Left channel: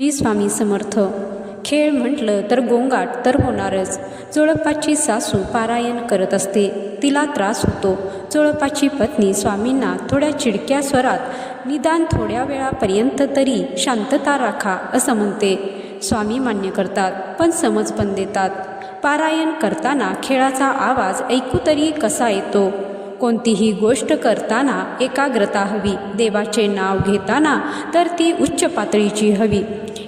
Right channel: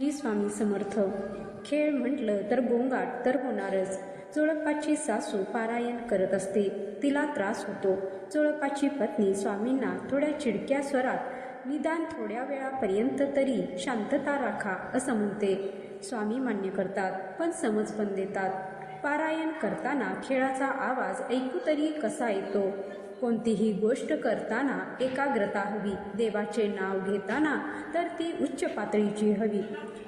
श्री स्वामी समर्थ. खेळ म्हटलं तर गोंगाट तर होणारच. चोळप्पाची सासू पारायण करत असते, तिला त्रास होतो. चोळप्पाची पत्नी स्वामींना थोड्या चिडक्या स्वरात निदान थोड्या वेळापर्यंत तरी शांतता राखा असं म्हणते. स्वामी मान्य करतात, पण समज पण देतात. पारायण करताना खेळाचा आवाज ऐकू तरी कसा येतो? कोणतीही गोष्ट करताना एकाग्रता हवी. देवाचे नाव घेताना तर ती उच्च पातळीची हवी.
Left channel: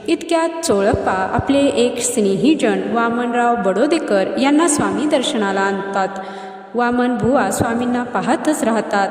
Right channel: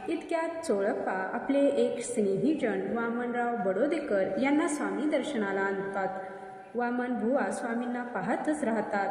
इतक्यात चोळप्पा आपले एक स्नेहीजन वामनराव बडोदेकर यांना स्वामी दर्शनाला आणतात. वामन बुवा स्वामींना पाहतच राहतात.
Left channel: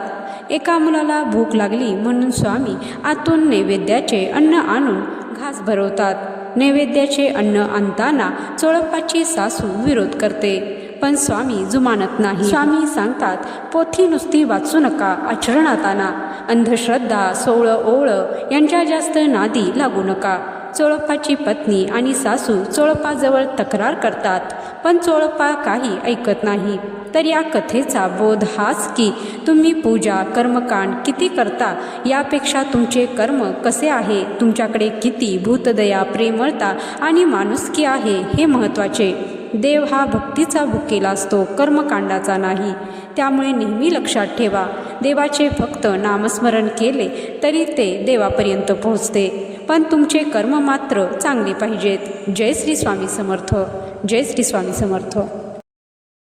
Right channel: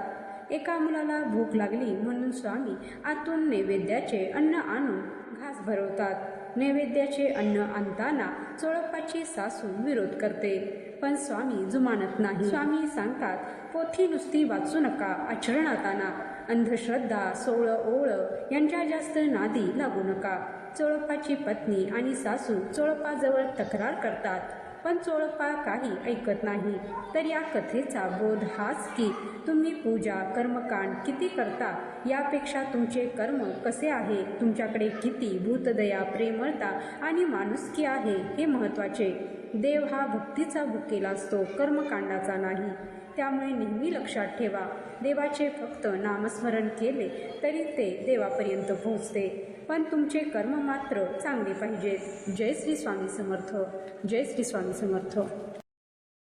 एका मुलाला भूक लागली म्हणून स्वामी आतून नैवेद्याचे अन्न आणून घास भरवतात. नैवेद्याचे अन्न आणताना चोळप्पाची सासू विरोध करते, पण स्वामी जुमानत नाही. स्वामी सांगतात, पोथी नुसती वाचू नका, आचरणात आणा. अंधश्रद्धा, सोवळं ओवळं यांच्या जास्त नादी लागू नका. चोळप्पाची पत्नी आणि सासू चोळप्पाजवळ तक्रार करतात, पण चोळप्पा काही ऐकत नाही. तर या कथेचा बोध हाच की तुम्ही पूजा कर्मकांड किती करता यापेक्षा तुमचे कर्म कसे आहे, तुमच्याकडे किती भूतदया, प्रेमळता आणि माणुसकी आहे हे महत्त्वाचे. देव हा भक्तीचा भुकेला असतो, कर्मकांडाचा नाही. त्यामुळे नेहमी लक्षात ठेवा, देवाचे फक्त नामस्मरण केले तरी ते देवापर्यंत पोहोचते, पण तुमचे कर्म मात्र चांगले पाहिजेत. जय श्री स्वामी समर्थ. जय श्री स्वामी समर्थ.